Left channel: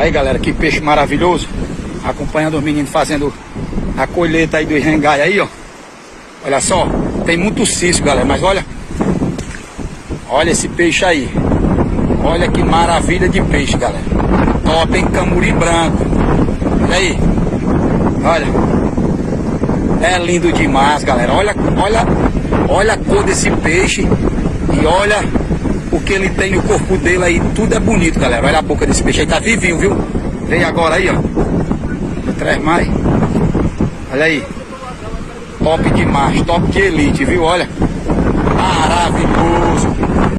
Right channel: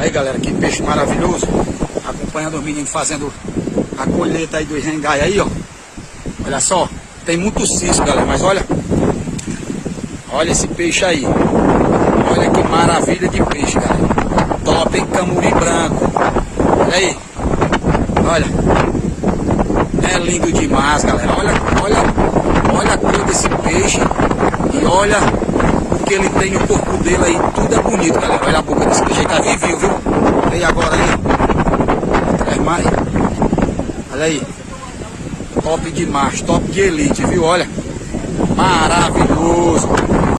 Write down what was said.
Aí, galera, que peixe maravilhoso. Acompanhando os meninos fazendo a colheita aí do rengai aí, ó. Olha só, tem muito cisco, galera, mas olha. Olha esse peixe aí. Olha que maravilha de peixe, galera. Top, hein? Camuri branco. Olha aí. Olha. É lindo demais, galera. Olha a cor desse peixe. E olha o que ele tem no corpo dele aí. Tudo é bonito, galera. Olha a boca desse peixe aí. Tá vivinho, viu? Veio agora aí, ó. Atrás mais. Olha aí. Top demais. Top de elite, viu? Olha. Maravilhoso.